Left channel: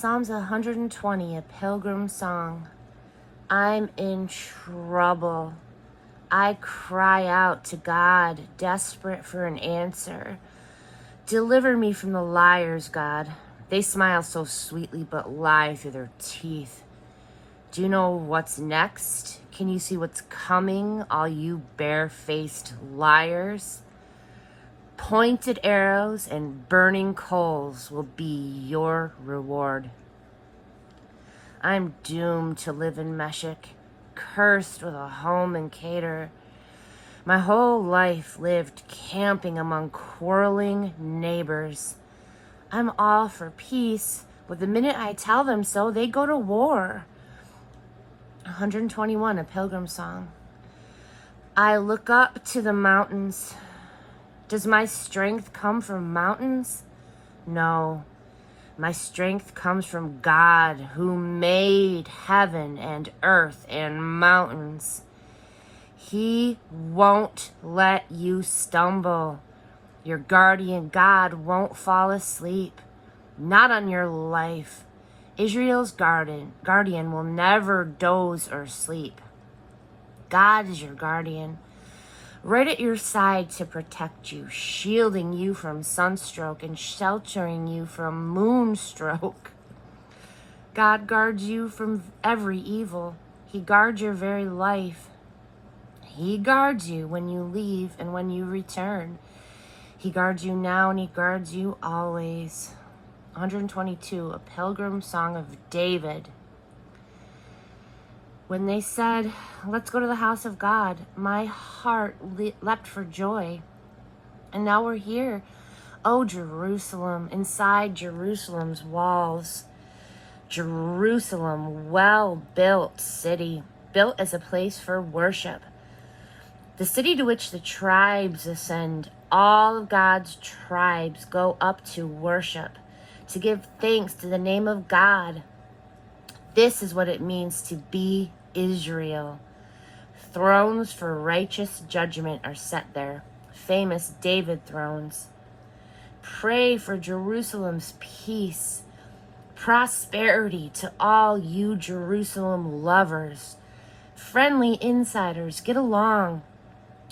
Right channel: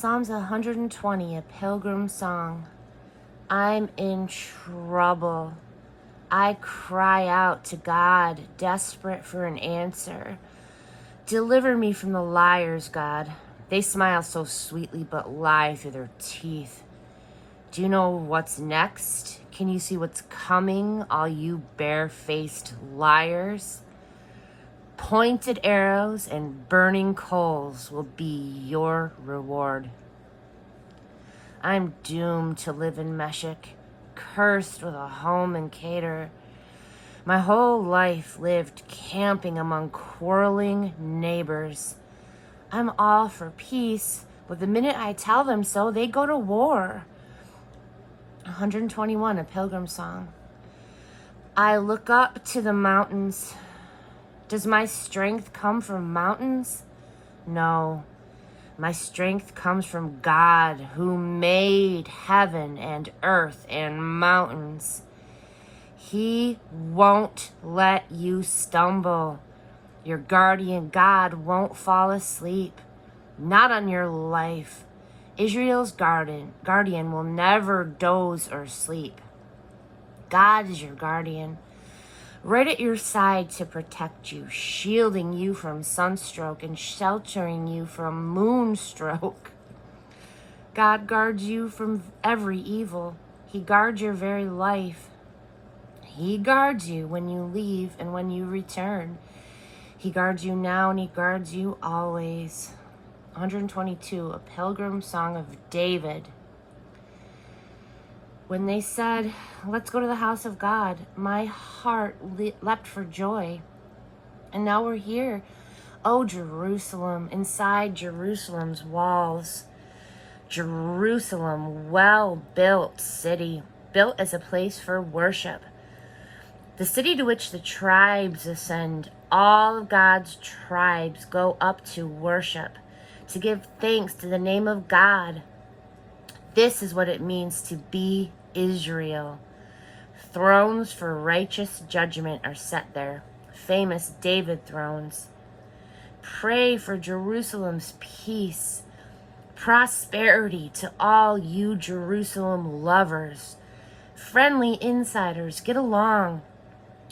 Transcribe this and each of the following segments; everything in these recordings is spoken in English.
Psalms 120, a pilgrim song. I'm in trouble. I cry out to God, desperate for an answer. Deliver me from the liars, God. They smile so sweetly but lie through their teeth. Do you know what's next? Can you see what's coming, all you bare-faced liars? Pointed arrows and burning coals will be your reward. I'm doomed to live in Meshech, cursed with a home in Kedar. My whole life lived camping among quarreling neighbors. I'm all for peace, but the minute I tell them so, they go to war. 121, a pilgrim song. I look up to the mountains. Does my strength come from mountains? No. My strength comes from God, who made heaven and earth and mountains. He won't let you stumble. Your guardian God won't fall asleep. Not on your life. Israel's guardian will never doze or sleep. God is your guardian, right at your side to protect you, shielding you from sunstroke and sheltering you from moonstroke. God guards you from every evil. He guards your very life. He guards you when you leave and when you return. He guards you now and he guards you always. 122, a pilgrim song of David. When they said, let's go to the house of God, my heart leapt for joy. And now we're here. Oh, Jerusalem, inside Jerusalem's walls. Jerusalem, well-built city, built as a place for worship. The city to which the tribes ascend. All of God's tribes go up to worship, to give thanks to the name of God. This is what it means to be Israel. Thrones for righteous judgment are set there. Famous David thrones. Pray for Jerusalem's peace. Prosperity to all you Jerusalem lovers. Friendly insiders, get along.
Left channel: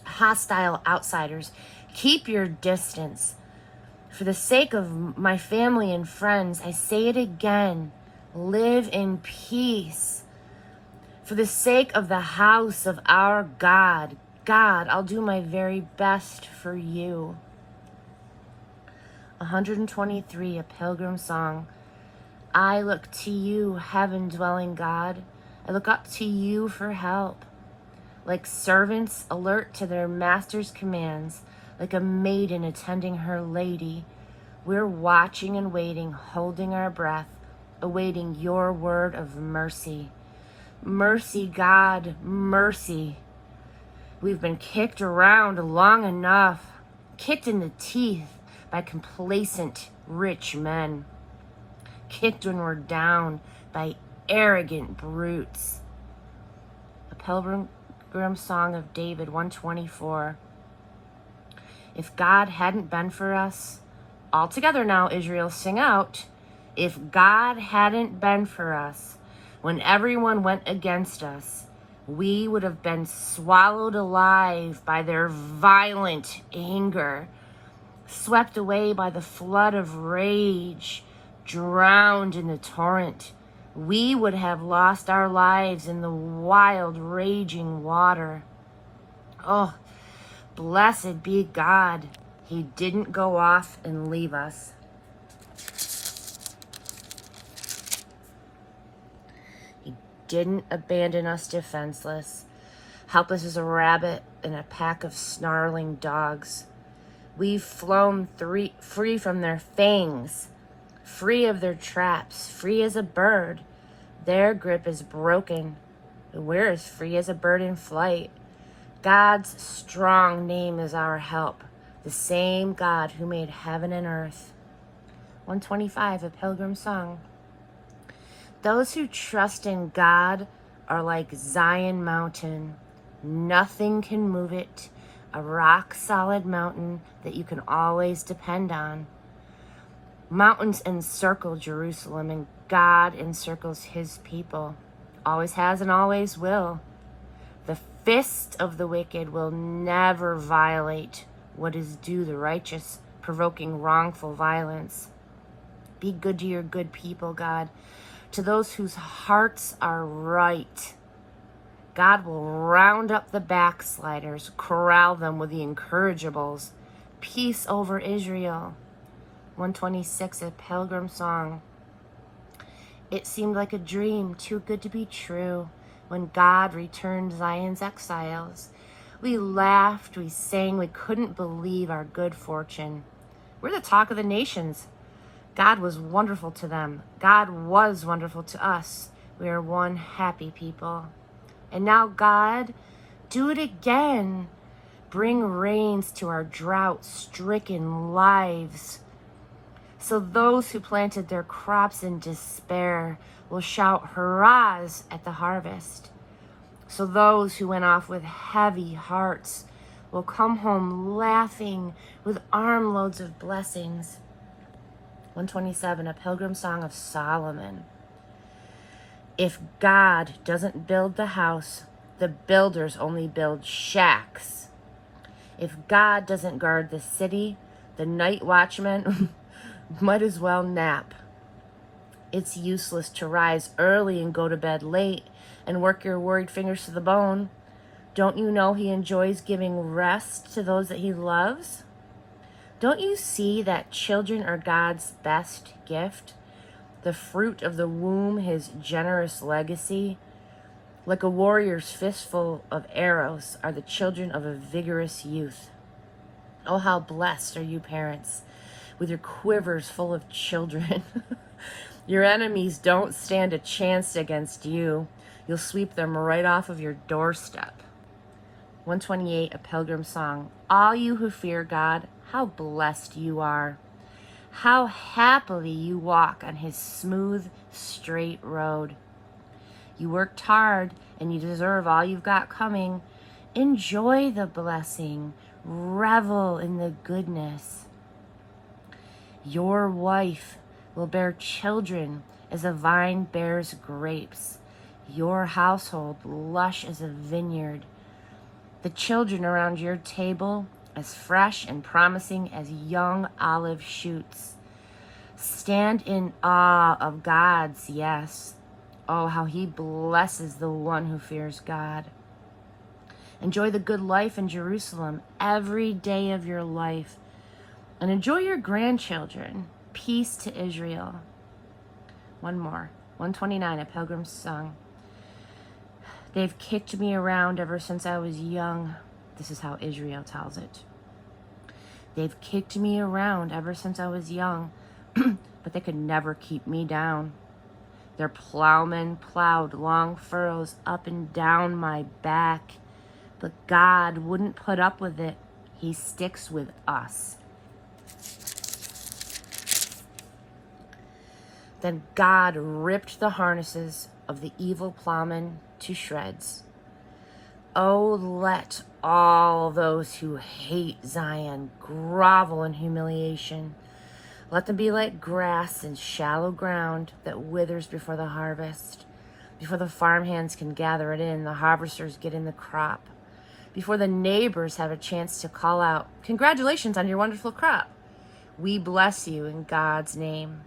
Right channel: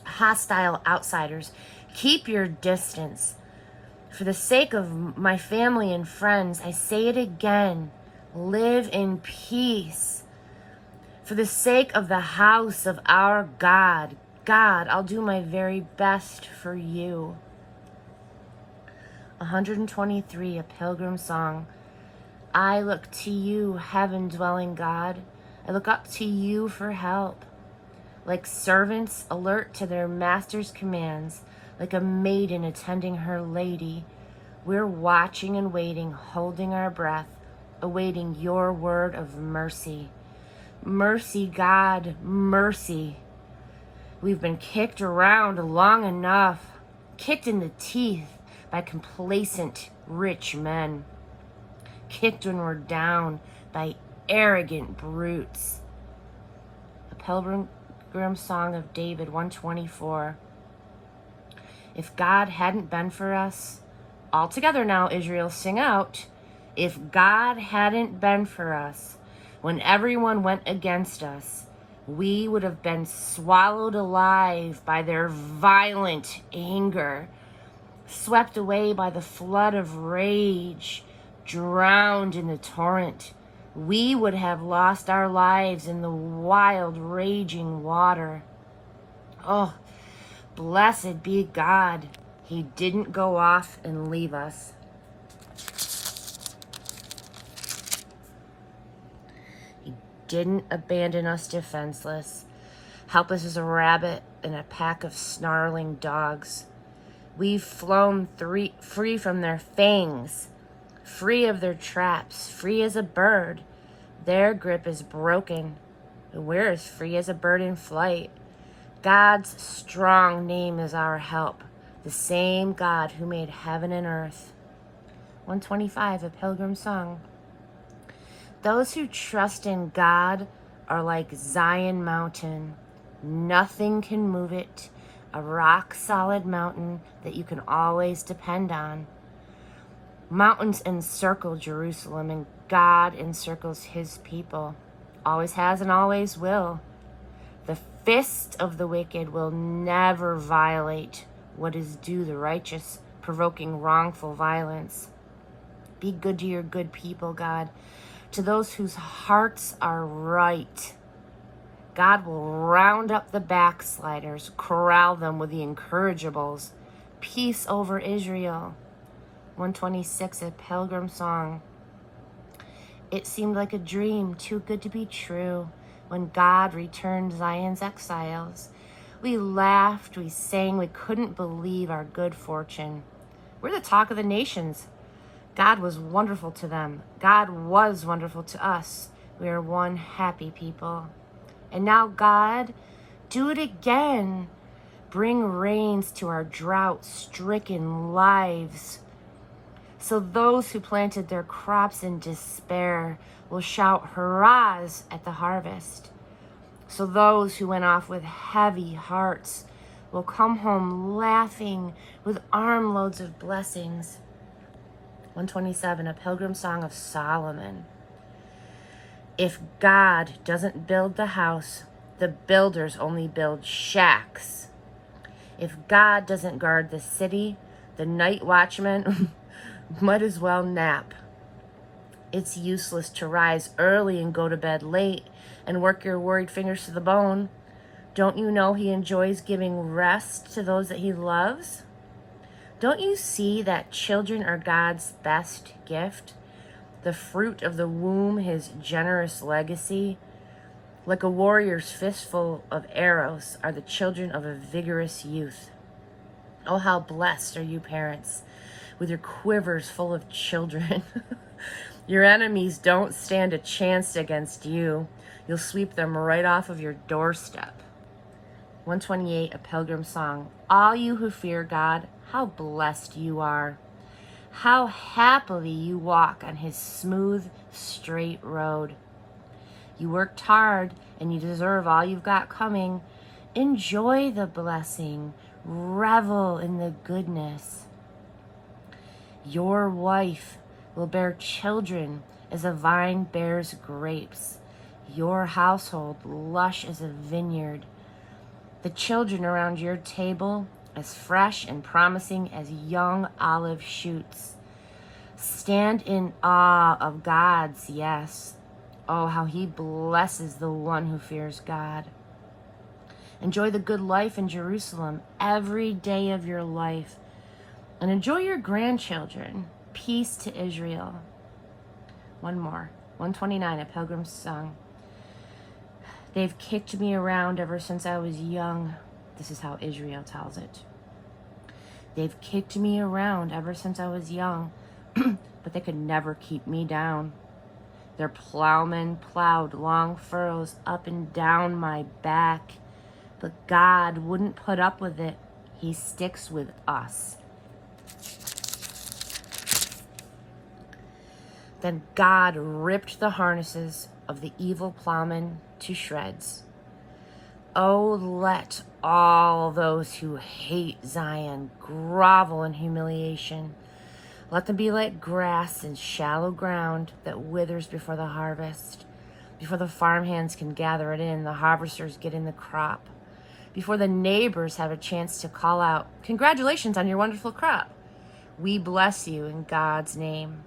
Hostile outsiders, keep your distance. For the sake of my family and friends, I say it again. Live in peace. For the sake of the house of our God, I'll do my very best for you. 123, a pilgrim song. I look to you, heaven-dwelling God. I look up to you for help. Like servants alert to their master's commands, like a maiden attending her lady, we're watching and waiting, holding our breath, awaiting your word of mercy. Mercy, God, mercy. We've been kicked around long enough, kicked in the teeth by complacent rich men, kicked when we're down by arrogant brutes. A pilgrim song of David, 124. If God hadn't been for us, all together now, Israel, sing out. If God hadn't been for us, when everyone went against us, we would have been swallowed alive by their violent anger, swept away by the flood of rage, drowned in the torrent. We would have lost our lives in the wild, raging water. Oh, blessed be God. He didn't go off and leave us. He didn't abandon us defenseless, helpless as a rabbit in a pack of snarling dogs. We've flown free from their fangs, free of their traps, free as a bird. Their grip is broken, and we're as free as a bird in flight. God's strong name is our help, the same God who made heaven and earth. 125, a pilgrim song. Those who trust in God are like Zion Mountain. Nothing can move it. A rock-solid mountain that you can always depend on. 126, a pilgrim song. Those who trust in God are like Zion Mountain. Nothing can move it. A rock-solid mountain that you can always depend on. 127, a pilgrim song. Mountains encircle Jerusalem, and God encircles his people. Always has and always will. The fist of the wicked will never violate what is due the righteous, provoking wrongful violence. Be good to your good people, God. To those whose hearts are right, God will round up the backsliders, corral them with the incorrigibles. Peace over Israel. 126, a pilgrim song. It seemed like a dream, too good to be true, when God returned Zion's exiles. We laughed, we sang, we couldn't believe our good fortune. We're the talk of the nations. God was wonderful to them. God was wonderful to us. We are one happy people. And now, God, do it again. Bring rains to our drought-stricken lives, so those who planted their crops in despair will shout hurrahs at the harvest. So those who went off with heavy hearts will come home laughing with armloads of blessings. 127, a pilgrim song of Solomon. If God doesn't build the house, the builders only build shacks. If God doesn't guard the city, the night watchman might as well nap. It's useless to rise early and go to bed late and work your worried fingers to the bone. Don't you know he enjoys giving rest to those that he loves? Don't you see that children are God's best gift? The fruit of the womb, his generous legacy. Like a warrior's fistful of arrows are the children of a vigorous youth. Oh, how blessed are you, parents, with your quivers full of children. Your enemies don't stand a chance against you. You'll sweep them right off of your doorstep. 128, a pilgrim song. All you who fear God, how blessed you are. How happily you walk on his smooth, straight road. You worked hard and you deserve all you've got coming. Enjoy the blessing. Revel in the goodness. Your wife will bear children as a vine bears grapes. Your household lush as a vineyard. The children around your table as fresh and promising as young olive shoots. Stand in awe of God's yes. Oh, how he blesses the one who fears God. Enjoy the good life in Jerusalem every day of your life. And enjoy your grandchildren. Peace to Israel. One more. 129, a pilgrim's song. They've kicked me around ever since I was young. This is how Israel tells it. They've kicked me around ever since I was young, but they could never keep me down. Their plowmen plowed long furrows up and down my back, but God wouldn't put up with it. He sticks with us. Then God ripped the harnesses of the evil plowmen to shreds. Oh, let all those who hate Zion grovel in humiliation. Let them be like grass in shallow ground that withers before the harvest. Before the farmhands can gather it in, the harvesters get in the crop. Before the neighbors have a chance to call out, "Congratulations on your wonderful crop. We bless you in God's name."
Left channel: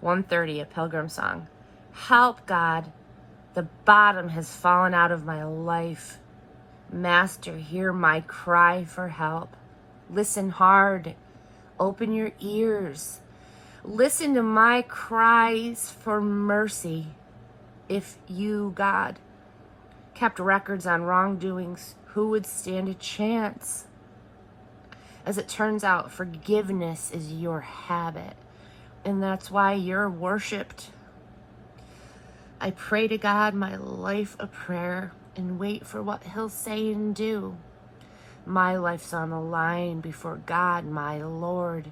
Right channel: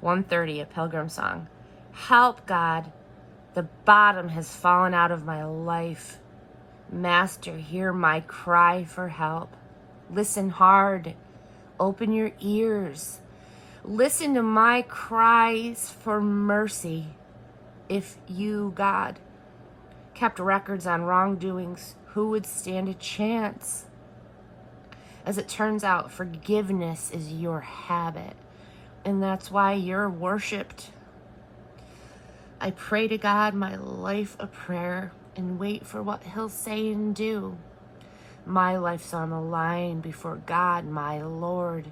130, a pilgrim song. Help, God. The bottom has fallen out of my life. Master, hear my cry for help. Listen hard. Open your ears. Listen to my cries for mercy. If you, God, kept records on wrongdoings, who would stand a chance? As it turns out, forgiveness is your habit, and that's why you're worshipped. I pray to God my life a prayer and wait for what he'll say and do. My life's on the line before God, my Lord,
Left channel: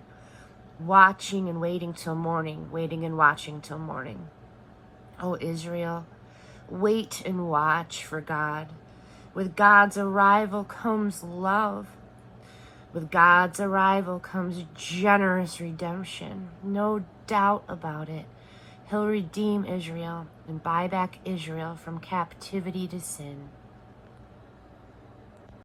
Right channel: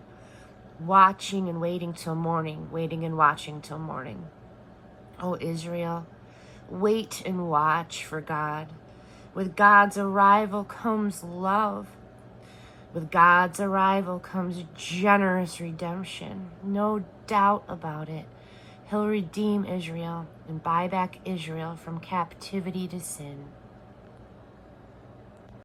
watching and waiting till morning, waiting and watching till morning. Oh, Israel, wait and watch for God. With God's arrival comes love. With God's arrival comes generous redemption. No doubt about it. He'll redeem Israel and buy back Israel from captivity to sin.